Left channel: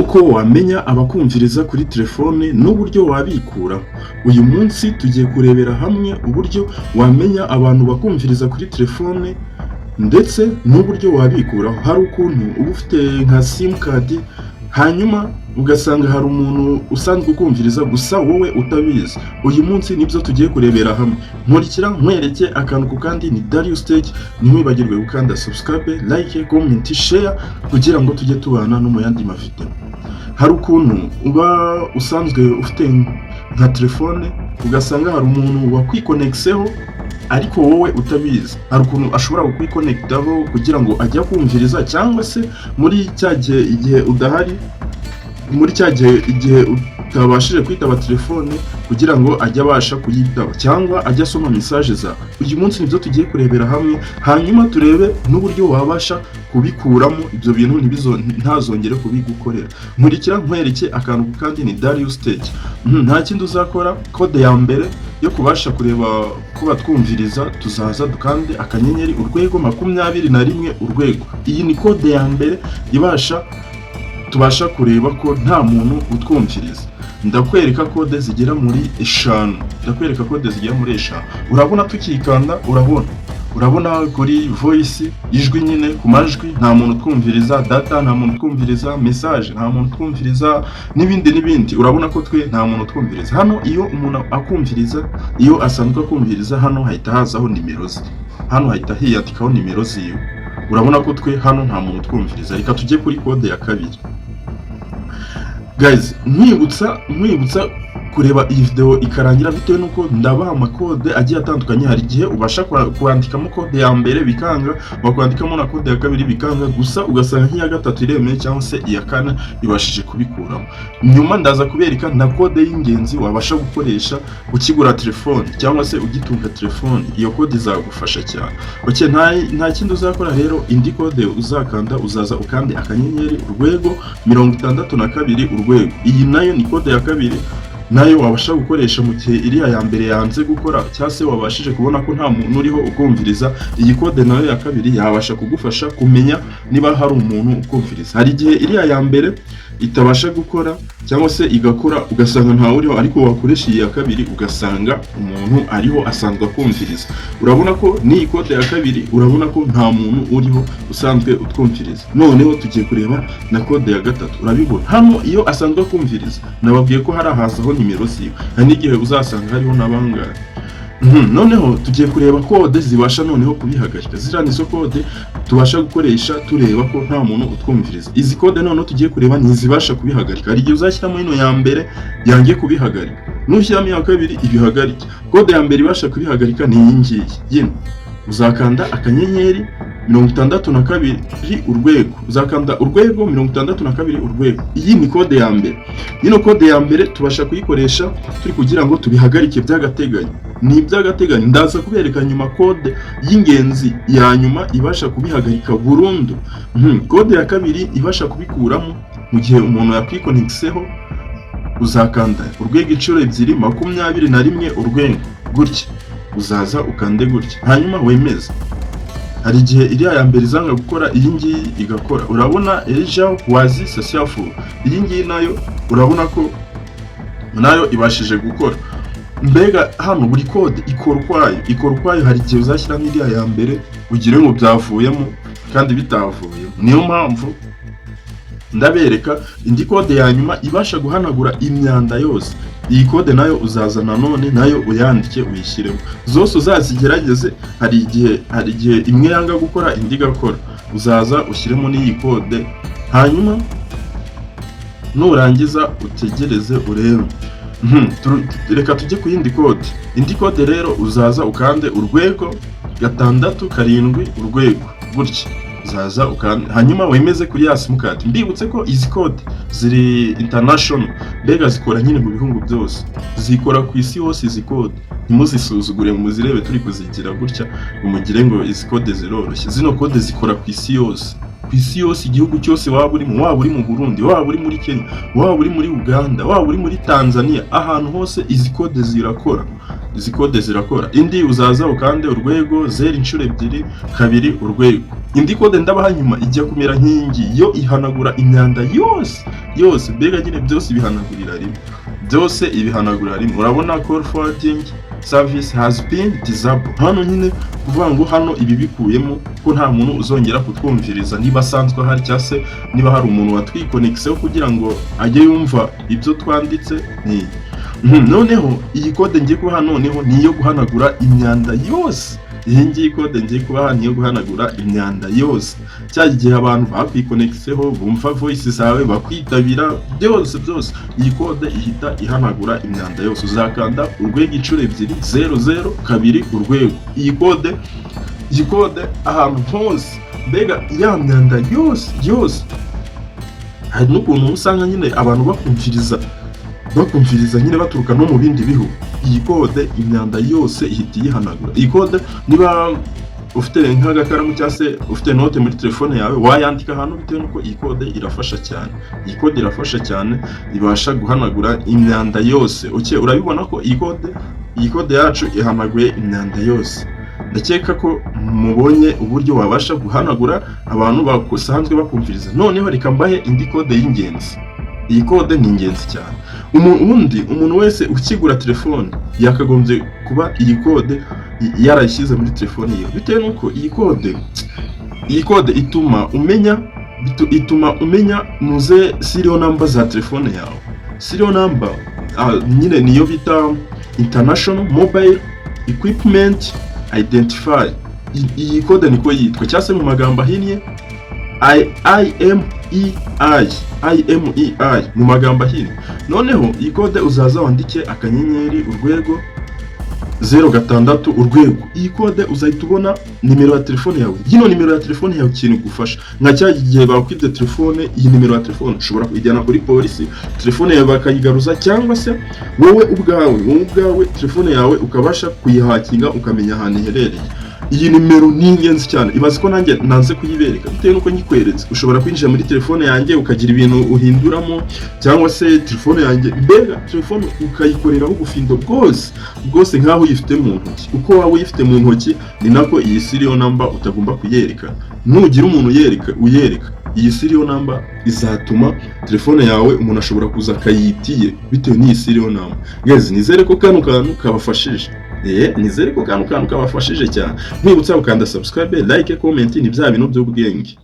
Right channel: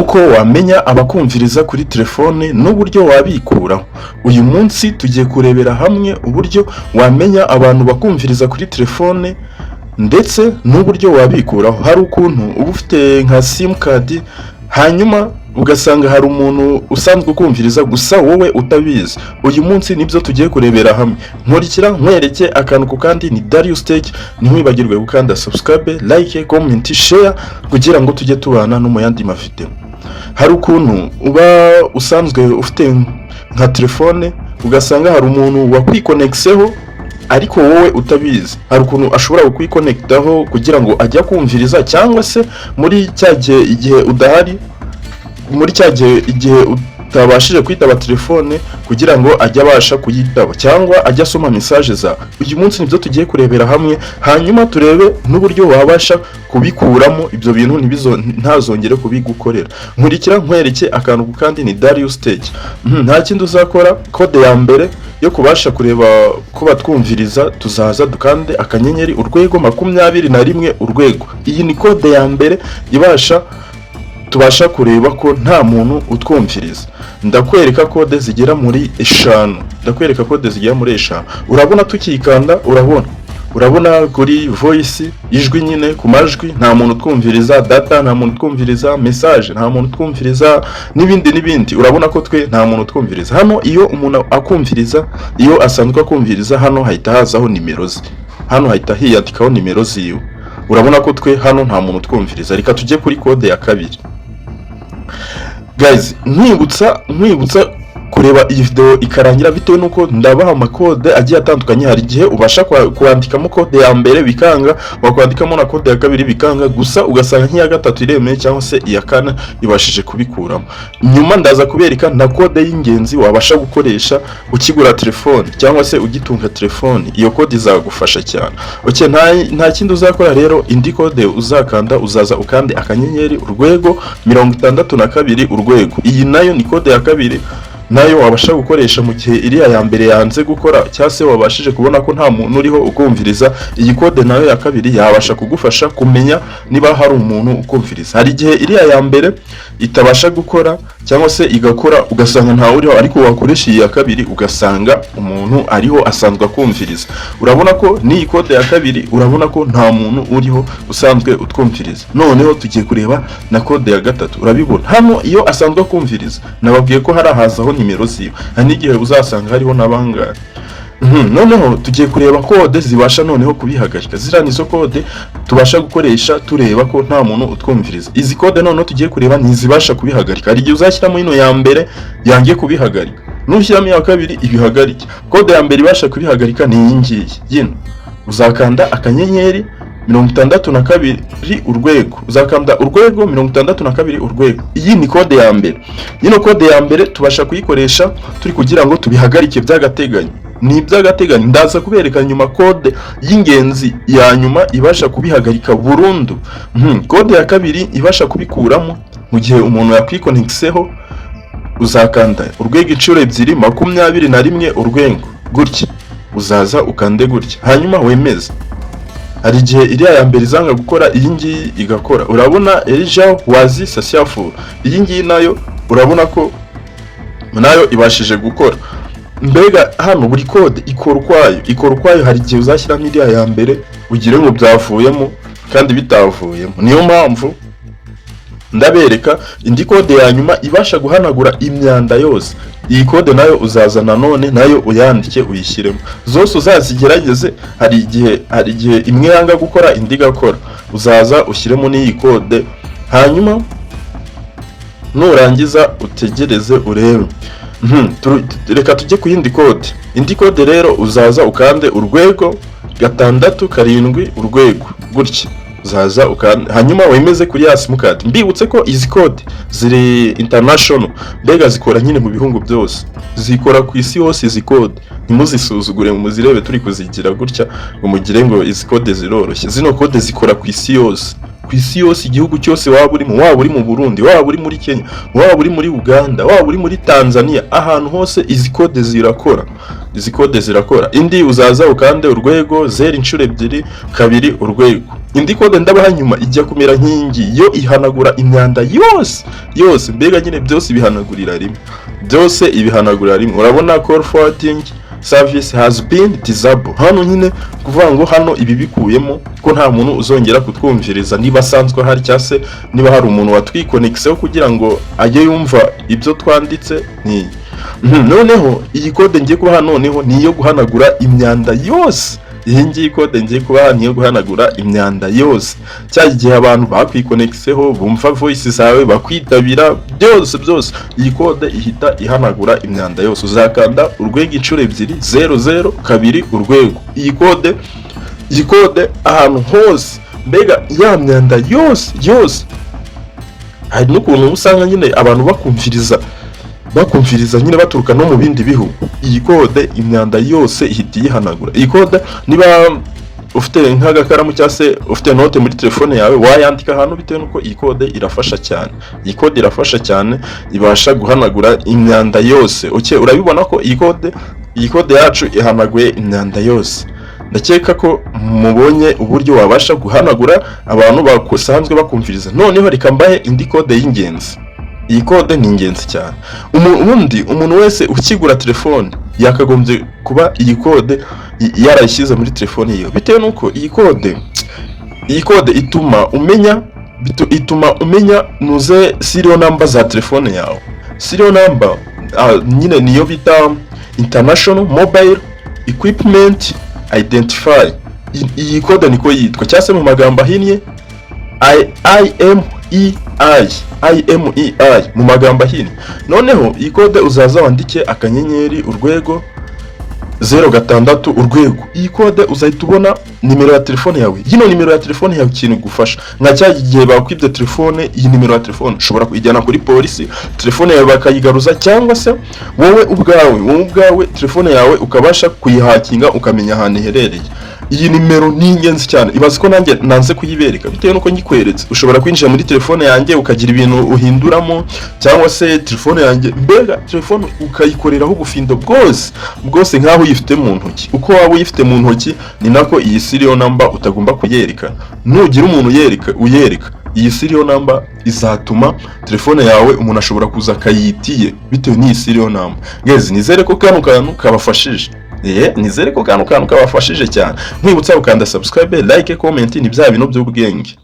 uko wamenya abakumviriza kuri telefone n'uburyo wabikuraho. Uyu munsi tugiye kurebera hamwe uburyo wamenya abantu bakumviriza kuri telefone ndetse n'uburyo wabikuraho. Hari ukuntu uba ufite nka simukadi hanyuma ugasanga hari umuntu usanzwe ukumviriza gusa wowe utabizi. Uyu munsi nibyo tugiye kurebera hamwe. Nkurikira nkwereke akantu ku kandi. Ni Darius Stage. Ntiwibagirwe gukanda subscribe, like, comment, share kugira ngo tujye tubana no mu yandi mafite. Hari ukuntu uba usanzwe ufite nka telefone ugasanga hari umuntu wakwiconnectseho ariko wowe utabizi. Hari ukuntu ashobora kukwiconnectaho kugira ngo ajya kumviriza, cyangwa se muri cyagihe igihe udahari, muri cyagihe igihe utabashije kwitaba telefone kugira ngo ajye abasha kuyitaba cyangwa ajya asoma message za. Uyu munsi nibyo tugiye kurebera hamwe, hanyuma turebe n'uburyo wabasha kubikuramo ibyo bintu ntazongere kubigukorera. Nkurikira nkwereke akantu kandi. Ni Darius Stage. Nta kindi uzakora. Code ya mbere yo kubasha kureba ko batwumviriza, tuzaza dukande akanyenyeri urwego 21 urwego. Iyi ni code ya mbere tubasha kureba ko nta muntu utwumviriza. Ndakwereka code zigera muri 5. Urabona tukikanda, urabona kuri voice ijwi nyine ku majwi nta muntu twumviriza, data nta muntu twumviriza, message nta muntu twumviriza, n'ibindi. Urabona ko twe nta muntu twumviriza. Hano iyo umuntu akumviriza, iyo asanzwe akumviriza, hano hahita hazaho nimero ze. Hano hahita hiyandikaho nimero ziwe. Urabona ko twe hano nta muntu twumviriza. Reka tujye kuri code ya kabiri. Guys, nkwibutsa kureba iyi video ikarangira bitewe nuko ndabaha amakode agiye atandukanye. Hari igihe ubasha kwandikamo code ya mbere bikanga, wakwandikamo na code ya kabiri bikanga, gusa ugasanga nk'iya gatatu iremeye cyangwa se iya kane ibashije kubikuramo. Nyuma ndaza kubereka na code y'ingenzi wabasha gukoresha ukigura telefone cyangwa se ugitunga telefone. Iyo code izagufasha cyane. Okay, nta kindi uzakora rero. Indi code uzakanda, uzaza ukande akanyenyeri urwego 62 urwego. Iyi nayo ni code ya kabiri, nayo wabasha gukoresha mu gihe iriya ya mbere yanze gukora cyangwa se wabashije kubona ko nta muntu uriho ukumviriza. Iyi code nayo ya kabiri yabasha kugufasha kumenya niba hari umuntu ukumviriza. Hari igihe iriya ya mbere itabasha gukora cyangwa se igakora ugasanga nta uriho, ariko wakoresha iyi ya kabiri ugasanga umuntu ariho asanzwe akumviriza. Urabona ko ni code ya kabiri, urabona ko nta muntu uriho usanzwe utwumviriza. Noneho tugiye kureba na code ya gatatu. Urabibona hano iyo asanzwe akumviriza, nababwiye ko hari hazaho nimero ziwe. Hari n'igihe uzasanga hariho n'abangara. Noneho tugiye kureba code zibasha noneho kubihagarika. Zira nizo code tubasha gukoresha tureba ko nta muntu utwumviriza. Izi code noneho tugiye kureba ni zibasha kubihagarika. Hari igihe uzashyiramo ino ya mbere yangiye kubihagarika, nushyiramo iya kabiri ibihagarike. Code ya mbere ibasha kubihagarika ni iyi ngiyi. Yino uzakanda akanyenyeri 62 urwego. Uzakanda urwego 62 urwego. Iyi ni code ya mbere. Yino code ya mbere tubasha kuyikoresha turi kugira ngo tubihagarike by'agateganyo. Ni by'agateganyo. Ndaza kubereka nyuma code y'ingenzi ya nyuma ibasha kubihagarika burundu. Code ya kabiri ibasha kubikuramo mu gihe umuntu yakwiconnectseho. Uzakanda urwego inshuro 21 urwego gutya. Uzaza ukande gutya, hanyuma wemeze. Hari igihe iriya ya mbere izanga gukora, iyi ngiyi igakora. Urabona ejo wazi sasiafu. Iyi ngiyi nayo urabona ko nayo ibashije gukora. Mbega hano buri code ikora ukwayo. Hari igihe uzashyira n'iriya ya mbere ugire ngo byavuyemo kandi bitavuyemo. Niyo mpamvu ndabereka indi code ya nyuma ibasha guhanagura imyanda yose. Iyi code nayo uzaza nanone nayo uyandike uyishyiremo. Zose uzazigerageze. Hari igihe imwe yanga gukora indi gakora. Uzaza ushyiremo n'iyi code, hanyuma nurangiza utegereze urebe. Reka tujye ku yindi code. Indi code rero uzaza ukande urwego 67 urwego gutya. Uzaza ukande, hanyuma wemeze kuri ya simukadi. Mbibutse ko izi code ziri international, mbega zikora nyine mu bihugu byose, zikora ku isi hose. Izi code ntimuzisuzugure, muzirebe turi kuzigira gutya ngo mugire ngo izi code ziroroshye. Zino code zikora ku isi yose. Ku isi yose, igihugu cyose waba urimo, waba uri mu Burundi, waba uri muri Kenya, waba uri muri Uganda, waba uri muri Tanzania, ahantu hose izi code zirakora. Izi code zirakora. Indi uzaza ukande urwego 0 inshuro 2 urwego. indi kode ndabaha nyuma ijya kumera nk'ingi, yo ihanagura imyanda yose mbega nyine byose ibihanagurira rimwe, byose ibihanagurira rimwe. Urabona call forwarding service has been disabled. Hano nyine kuvuga ngo hano ibi bikuyemo ko nta muntu uzongera kutwumviriza niba asanzwe hari cyase niba hari umuntu watwikonexeho kugira ngo ajye yumva ibyo twanditse. Noneho iyi code ngiye kubaha noneho niyo guhanagura imyanda yose. Iyi ngiyi code ngiye kubaha niyo guhanagura imyanda yose, cya gihe abantu bakwikonexeho bumva voice zawe bakwitabira byose iyi code ihita ihanagura imyanda yose. Uzakanda urwego inshuro ebyiri 00 kabiri urwego. Iyi code ahantu hose mbega ya myanda yose. Hari n'ukuntu usanga nyine abantu bakumviriza nyine baturuka no mu bindi bihugu. Iyi code imyanda yose ihita yihanagura. Iyi code niba ufite nk'agakaramu cyangwa se ufite note muri telefone yawe wayandika ahantu, bitewe nuko iyi code irafasha cyane. Iyi code irafasha cyane, ibasha guhanagura imyanda yose. Urabibona ko iyi code yacu ihanaguye imyanda yose. Ndakeka ko mubonye uburyo wabasha guhanagura abantu basanzwe bakumviriza. Noneho reka mbahe indi code y'ingenzi. Iyi code ni ingenzi cyane. Umuntu wese ukigura telefone yakagombye kuba iyi code yarayishyize muri telefone yiwe, bitewe nuko iyi code ituma umenya nuze serial number za telefone yawe. Serial number nyine niyo bita international mobile equipment identifier. Iyi code niko yitwa, cyase mu magambo ahinnye IMEI mu magambo ahinnye. Noneho iyi code uzaza wandike akanyenyeri urwego 06 urwego. Iyi code uzahita ubona nimero ya telefone yawe. Yino nimero ya telefone yawe ikintu gufasha nka cya gihe bakwibye telefone, iyi nimero ya telefone ushobora kuyijyana kuri polisi, telefone yawe bakayigaruza, cyangwa se wowe ubwawe telefone yawe ukabasha kuyihakinga ukamenya ahantu iherereye. Iyi nimero ni ingenzi cyane. Ibaze ko nanjye nanze kuyibereka, bitewe nuko nyikweretse ushobora kwinjira muri telefone yanjye ukagira ibintu uhinduramo, cyangwa se telefone yanjye mbega telefone ukayikoreraho ubufindo bwose nkaho uyifite mu ntoki. Uko waba uyifite mu ntoki ni nako iyi serial number utagomba kuyereka. Nugira umuntu uyereka iyi serial number izatuma telefone yawe umuntu ashobora kuza akayitiye bitewe n'iyi serial number. Guys, nizere ko kano kantu kabafashije. Nizere ko kano kantu kabafashije cyane. Nkwibutsa ukanda subscribe, like, comment, ni bya bintu by'ubwenge.